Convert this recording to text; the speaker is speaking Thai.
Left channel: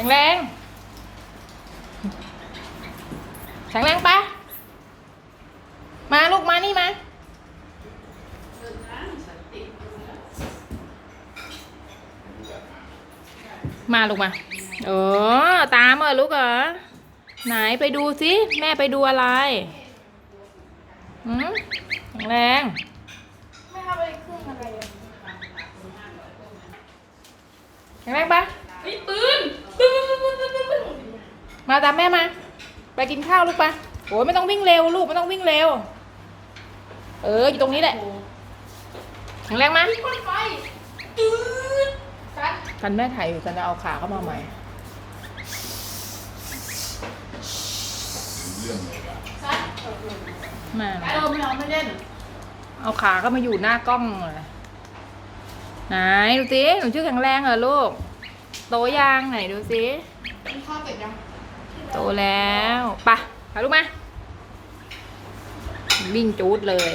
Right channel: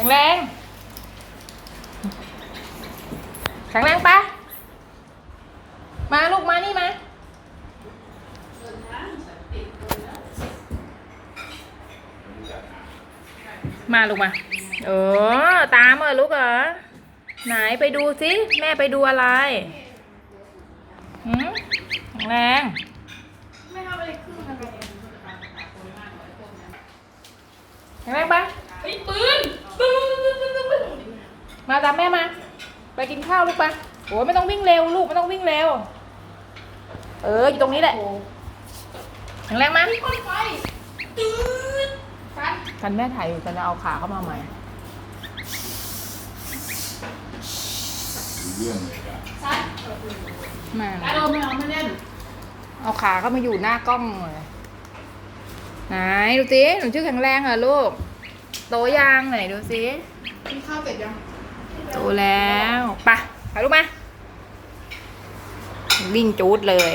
ข็งแรงแข็งแรงปะมาลูกมานี่มามาลูกมา เออ ตามเหรอลูกเหรอ ไหนไปดูสิแม่ไปดูอะไรหืมแข็งแรงแข็งแรงปะปืนปืนปืนปืนปืนปืน มาตามแม่มา ไปกินข้าวลูกปะโอ้ยไม่ต้องวิ่งเร็วลูกไม่ต้องวิ่งเร็ว เอออยู่ตรงนี้แหละแข็งแรงมั้ยไฟจืดกันกันแม่ถ่ายอยู่ฉันจะเอาขาเข้ามาใหม่เรื่องเลยอะมาเออไม่เอาไม่เล่น เอาขาเข้ามาอยู่หน้ากล้องเลยไหนดูสิหนูชื่อแข็งแรงเหรอลูก โตยังไหนดูสิกินข้าวเสร็จยัง โตแล้วไปะไปลูกมา วิ่งจูดเลย